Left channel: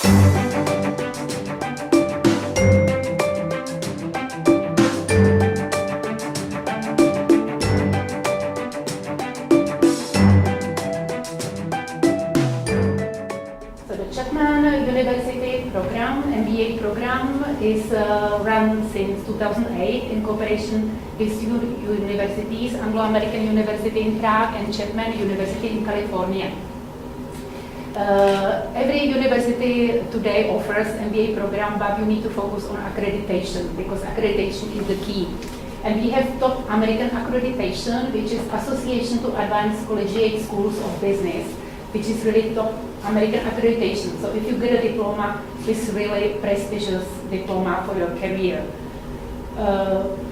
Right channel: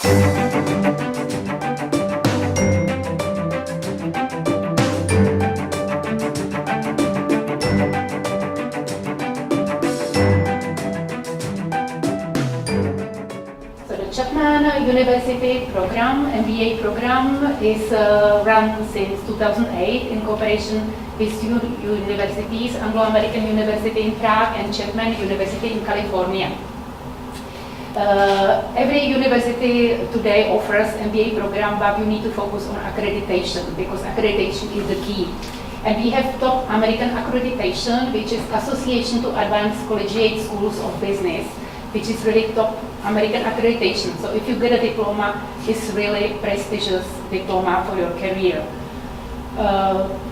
So the Chapman University program, MBA program, is run since 2008 in cooperation with two universities, Anglo-American University in Prague and Chapman University in California. Every university today offers MBA program, but you need to focus on accreditation because accreditation is the key. And we have top American accreditation, which is Association to Advanced Collegiate Schools of Business, which is really top American accreditation. So if you get a diploma, it's really prestigious diploma for your career.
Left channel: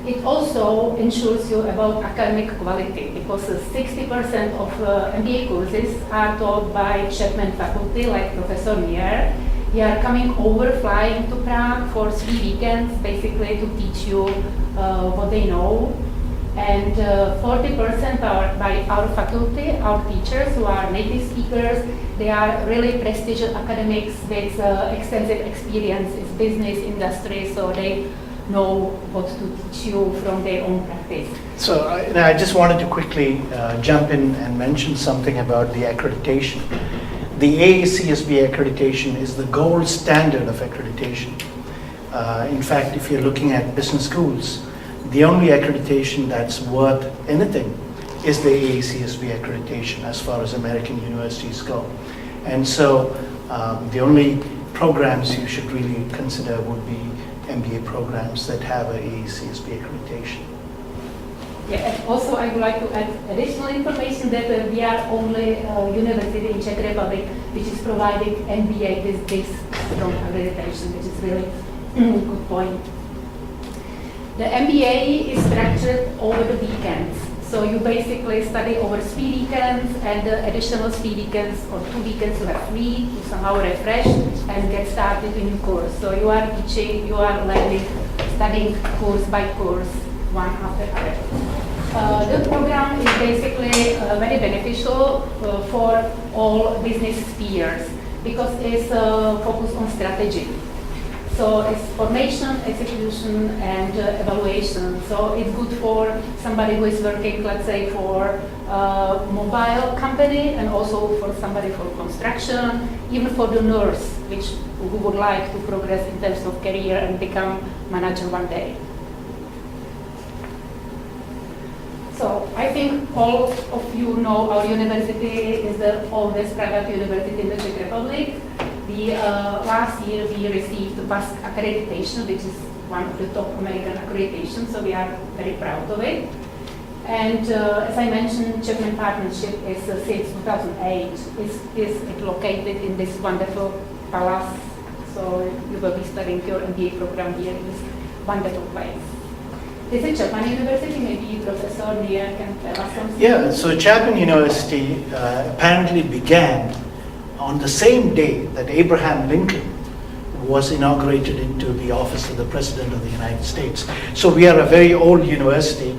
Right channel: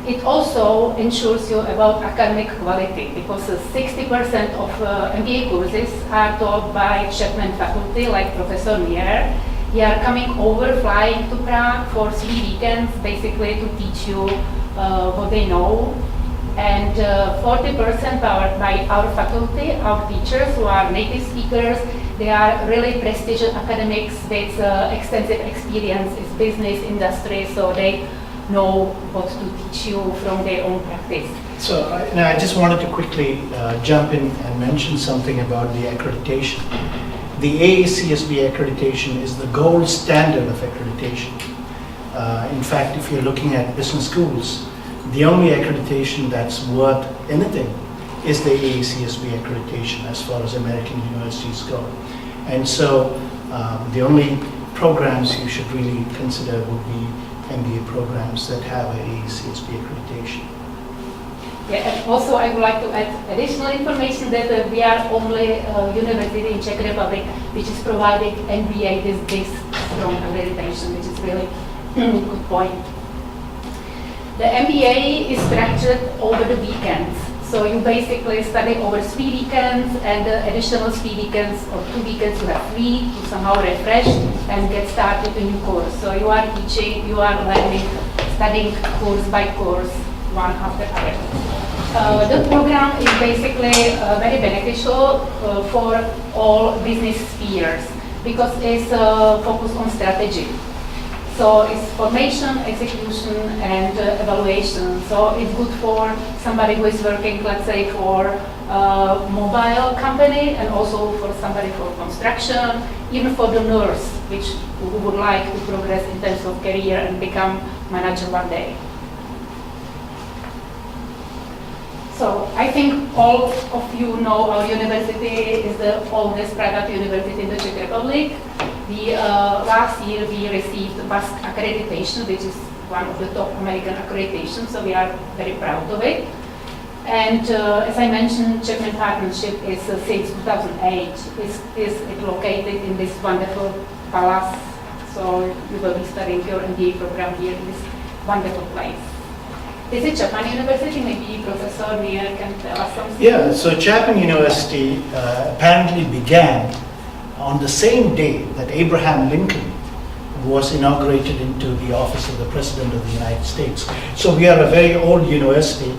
It also ensures you about academic quality because 60% of MBA courses are taught by Chapman faculty, like Professor Mier. They are coming over, flying to Prague for 3 weekends, basically to teach you what they know. And 40% are by our faculty, our teachers who are native speakers. They are really prestigious academics with extensive experience in business industry, so they know what to teach you from their own practice. So I just wanted to quickly jump in and mention something about the accreditation. The AACSB accreditation is the gold standard of accreditation. In fact, if you're looking at business schools, the only accreditation that's worth anything is the AACSB accreditation as far as American universities go. And so the only programs you should really consider would be MBA programs that have a AACSB accreditation. Yeah, and also I would like to add additional information that we are only university in Czech Republic which is providing MBA with this strong accreditation, which is really good point. The MBA is structured over the weekends. So you basically study over 3 weekends, and the additional 3 weekends or 2 weekends you have free to somehow refresh and get started a new course. So you are teaching, you are learning, studying course by course, one after other. The program is basically very beneficial for all business spheres because it's focused on strategy. So it's formation, execution, and evaluation. So it's good for somebody who is working, let's say, for a mobile company, and also for somebody for construction, even for the nurse, who would like to progress in terms of career and become manager one day. So I think all of you know our university is the oldest private university in the Czech Republic. Last year we received BASC accreditation, which is one of the top American accreditations, so we are very proud of it. And as I mentioned, Chapman Partnership is since 2008. It's located in this wonderful palace, so you will be studying your MBA program here in this wonderful place. This is Chapman University, maybe Professor Mier can tell us something. Yeah, so Chapman University apparently began on the same day that Abraham Lincoln was inaugurated into the office of the President of the United States. So we are a very old university.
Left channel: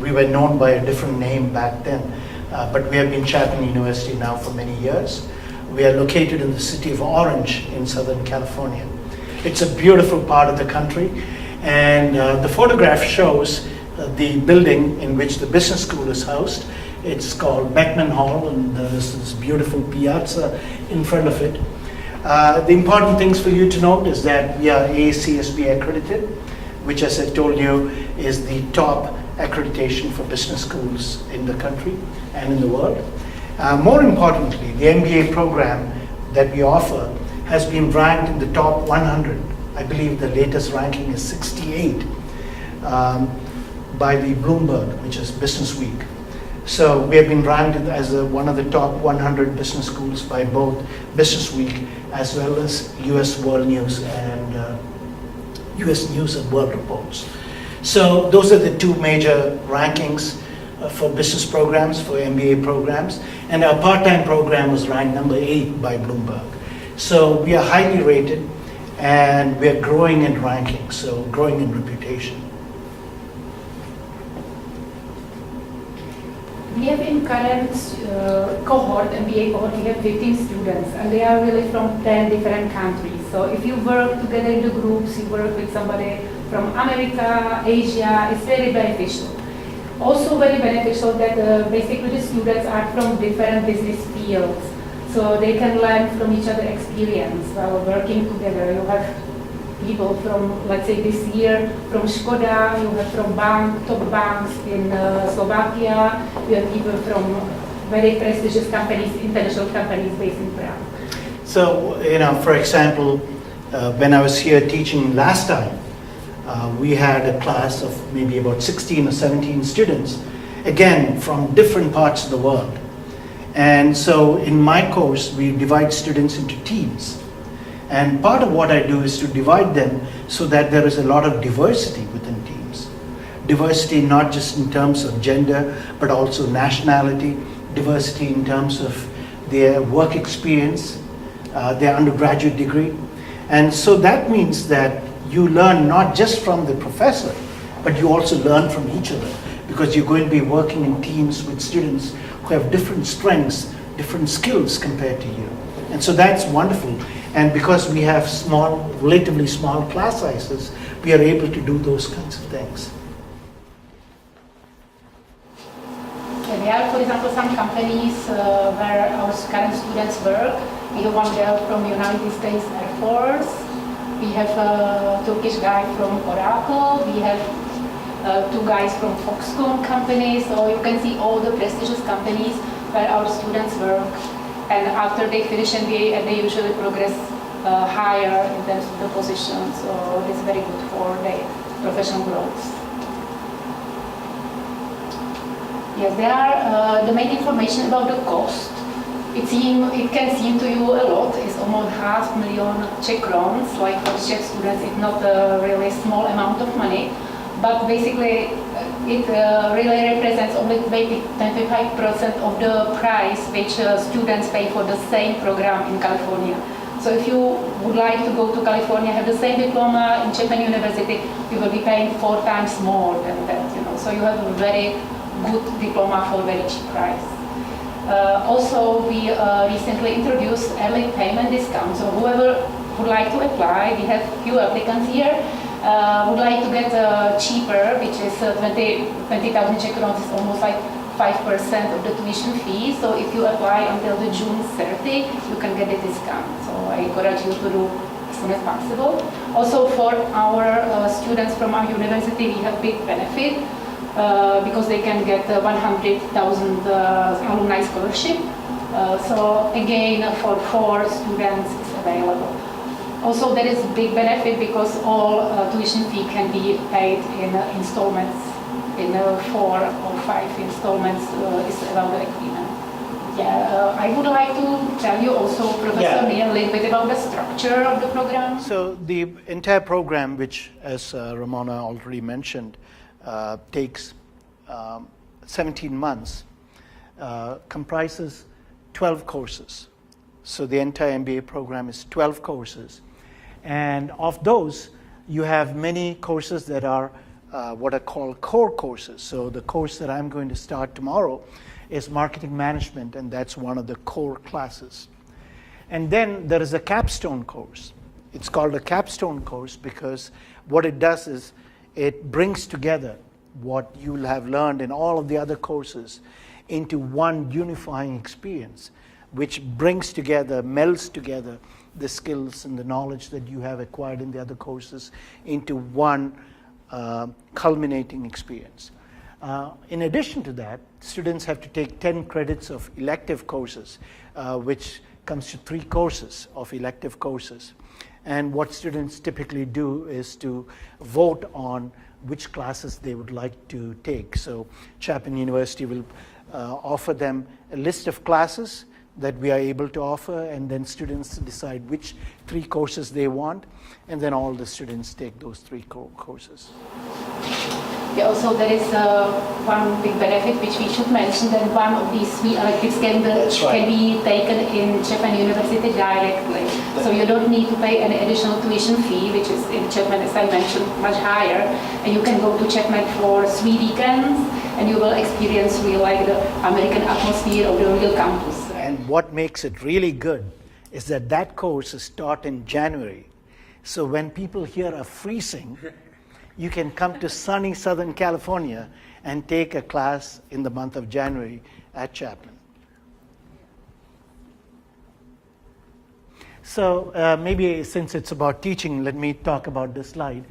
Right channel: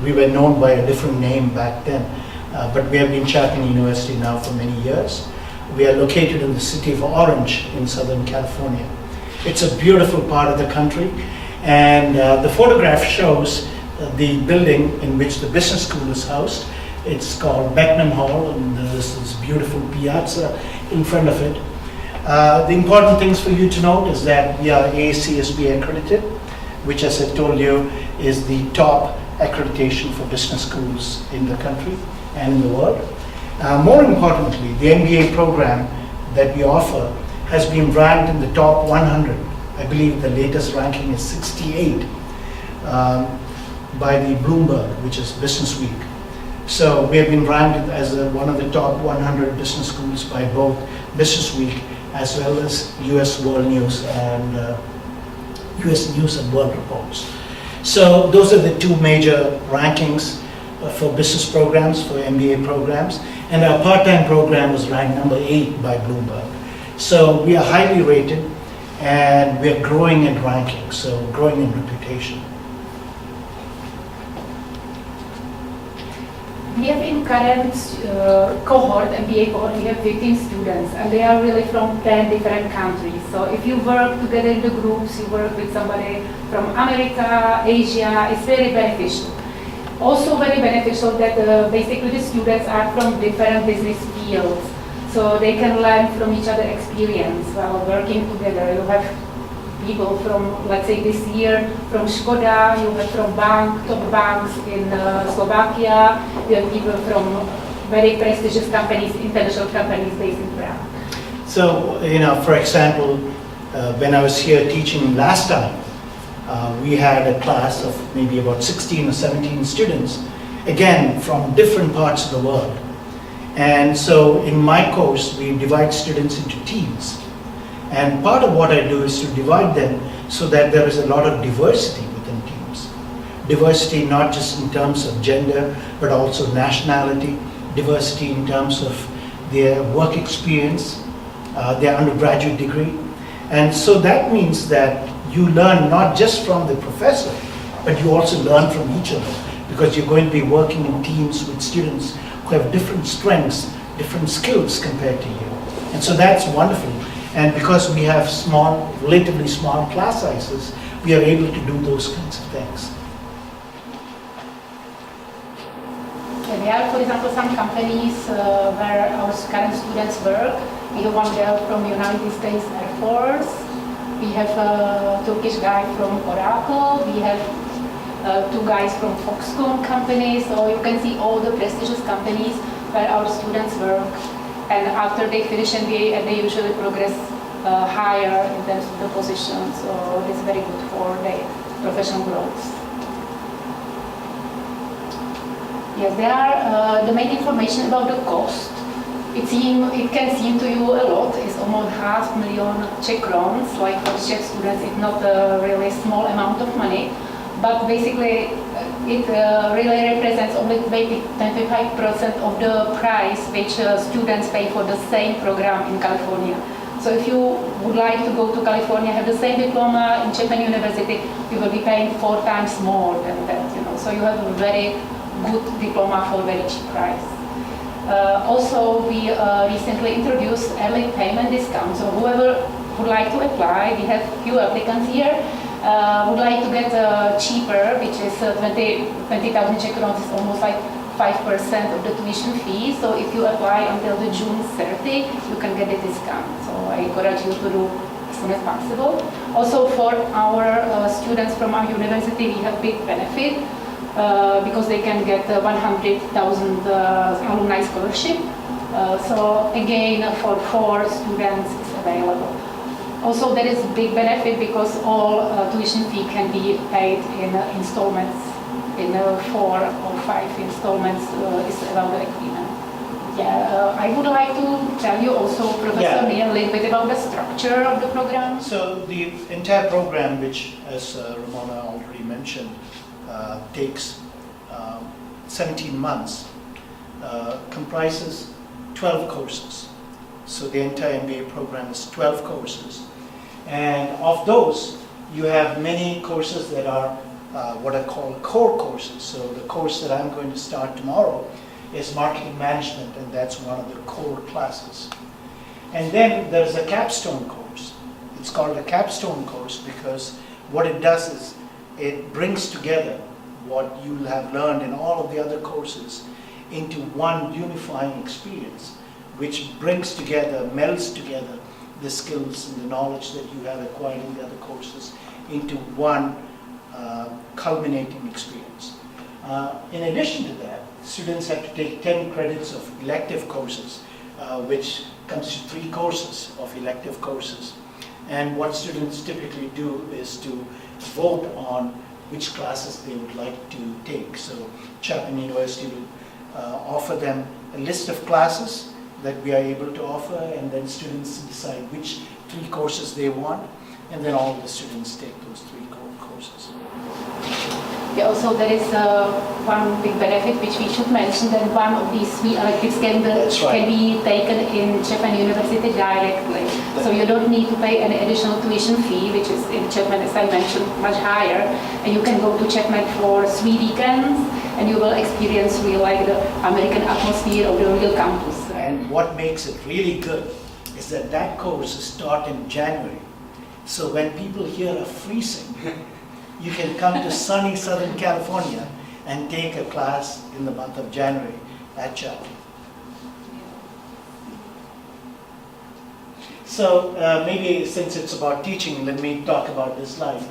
We were known by a different name back then, but we have been Chapman University now for many years. We are located in the city of Orange in Southern California. It's a beautiful part of the country, and the photograph shows the building in which the business school is housed. It's called Beckman Hall, and there's this beautiful piazza in front of it. The important things for you to note is that we are AACSB accredited, which, as I told you, is the top accreditation for business schools in the country and in the world. More importantly, the MBA program that we offer has been ranked in the top 100. I believe the latest ranking is 68 by the Bloomberg, which is Business Week. So we have been ranked as one of the top 100 business schools by both Business Week as well as US World News and US News and World Reports. So those are the two major rankings for business programs, for MBA programs. And our part-time program was ranked number 8 by Bloomberg. So we are highly rated, and we are growing in ranking, so growing in reputation. We have in current cohort, MBA cohort, we have 15 students, and they are really from 10 different countries. So if you work together in the groups, you work with somebody from America, Asia, it's very beneficial. Also very beneficial that basically the students are from different business fields, so they can learn from each other experience while working together. You have people from, let's say this year, from Škoda, you have from top banks in Slovakia, you have people from very prestigious companies, international companies based in Prague. So, for example, when I was here teaching last time, we had a class of maybe about 16 or 17 students, again, from different parts of the world. And so in my course, we divide students into teams. And part of what I do is to divide them so that there is a lot of diversity within teams. Diversity not just in terms of gender, but also nationality, diversity in terms of their work experience, their undergraduate degree. And so that means that you learn not just from the professor, but you also learn from each other, because you're going to be working in teams with students who have different strengths, different skills compared to you. And so that's wonderful. And because we have relatively small class sizes, we are able to do those kinds of things. There are, for example, some companies where our current students work. We have one girl from United States Air Force. We have a Turkish guy from Oracle. We have 2 guys from Foxconn company. So you can see all the prestigious companies where our students work. And after they finish MBA, they usually progress higher in terms of the position. So it's very good for their professional growth. Yes, there are the main information about the cost. It can seem to you a lot. It's almost 500,000 Czech crowns, like for Czech students, it's not a really small amount of money. But basically, it really represents only maybe 25% of the price which students pay for the same program in California. So if you would like to go to California, have the same diploma in Chapman University, you will be paying 4 times more than that. So you have a very good diploma for a very cheap price. Also, we recently introduced early payment discount. So whoever would like to apply, we have few applicants here. Would like to get cheaper, which is 20,000 Czech crowns, is almost like 5% of the tuition fee. So if you apply until the June 30, you can get a discount. So I encourage you to do as soon as possible. Also for our students from our university, we have big benefit because they can get 100,000 alumni scholarship. So again, for 4 students is available. Also, there is big benefit because all tuition fee can be paid in installments, in 4 or 5 installments is about the agreement. Yeah, I would like to tell you also, Professor Neil, a little bit about the structure of the program. So the entire program, which as Ramona already mentioned, takes 17 months, comprises 12 courses. So the entire MBA program is 12 courses. And of those, you have many courses that are what I call core courses. So the course that I'm going to start tomorrow is marketing management, and that's one of the core classes. And then there is a capstone course. It's called a capstone course because what it does is it brings together what you'll have learned in all of the other courses into one unifying experience, which brings together, melds together the skills and the knowledge that you have acquired in the other courses into one culminating experience. In addition to that, students have to take 10 credits of elective courses, which comes to 3 courses of elective courses. And what students typically do is to vote on which classes they would like to take. So Chapman University will offer them a list of classes that we are able to offer, and then students decide which 3 courses they want. and then all the students take those 3 courses. Yeah, also there is one big benefit which we should mention, that one of these 3 electives can be taken in Chapman University directly. So you don't need to pay any additional tuition fee, which is in Chapman, as I mentioned, much higher. And you can go to Chapman for 3 weekends, and you will experience real, like, the American atmosphere of the real campus. And what makes it really good is that that course is taught in January. So when people here are freezing, you can come to sunny Southern California and take a class in the month of January at Chapman. So maybe since it's about teaching, let me talk about this slide.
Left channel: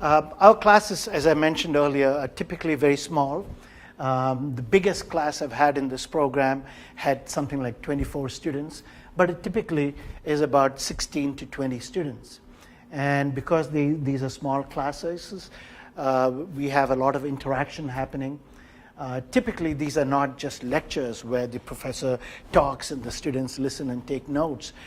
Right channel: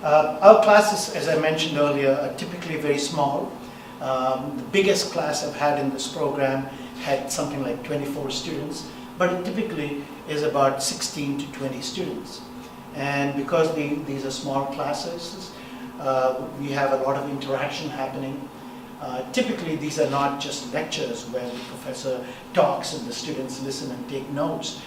Our classes, as I mentioned earlier, are typically very small. The biggest class I've had in this program had something like 24 students, but it typically is about 16 to 20 students. And because these are small classes, we have a lot of interaction happening. Typically, these are not just lectures where the professor talks and the students listen and take notes.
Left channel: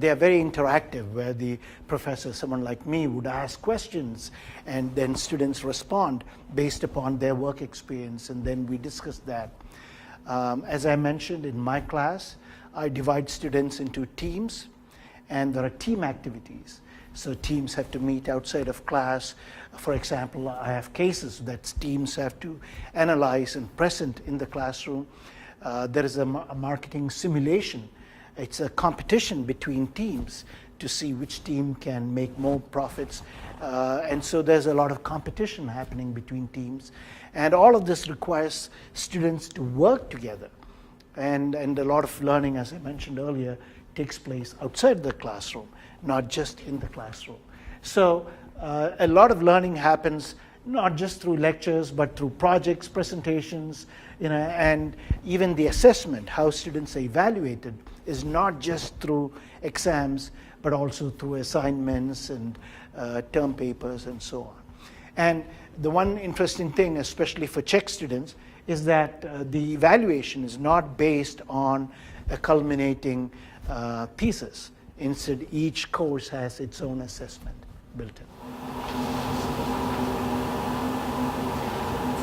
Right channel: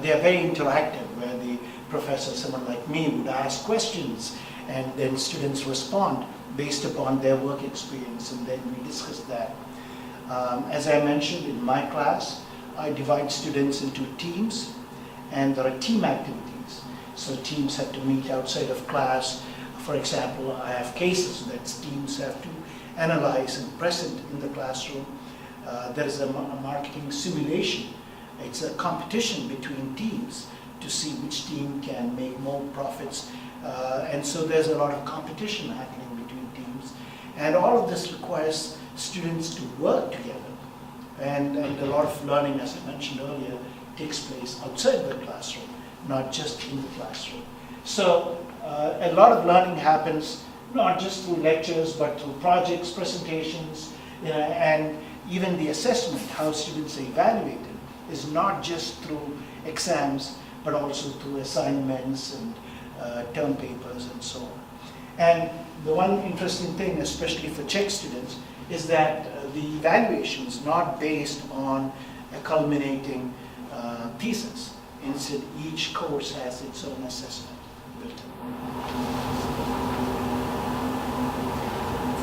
They are very interactive, where the professor, someone like me, would ask questions, and then students respond based upon their work experience, and then we discuss that. As I mentioned, in my class, I divide students into teams, and there are team activities. So teams have to meet outside of class. For example, I have cases that teams have to analyze and present in the classroom. There is a marketing simulation. It's a competition between teams to see which team can make more profits. And so there's a lot of competition happening between teams. And all of this requires students to work together. And a lot of learning, as I mentioned earlier, takes place outside the classroom, not just in the classroom. So a lot of learning happens not just through lectures, but through projects, presentations, and even the assessment, how students are evaluated, is not just through exams, but also through assignments and term papers and so on. And the one interesting thing, especially for Czech students, is that the evaluation is not based on a culminating thesis. Instead, each course has its own assessment built in.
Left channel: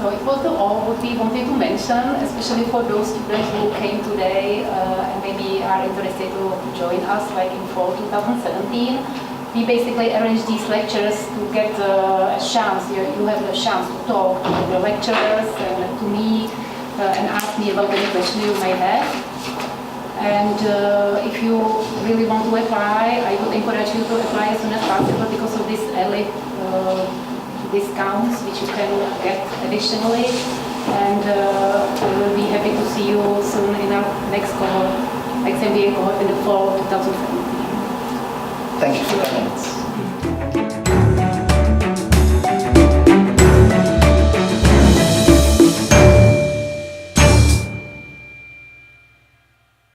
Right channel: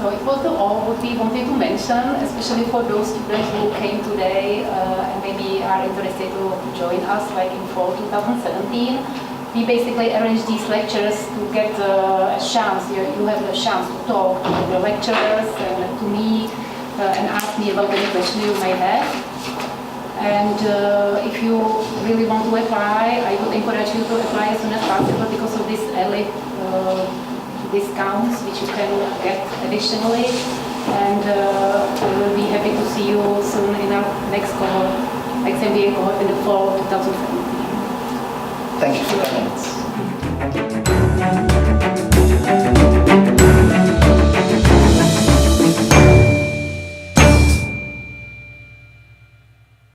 So it was all what we wanted to mention, especially for those students who came today and maybe are interested to join us, like in fall 2017. We basically arranged these lectures to get a chance. You have the chance to talk to the lecturers and to me and ask me about any question you may have. And if you really want to apply, I would encourage you to apply as soon as possible because of this early discounts which you can get additionally. And we will be happy to see you soon in our next cohort, next MBA cohort in the fall 2017. Thank you for coming.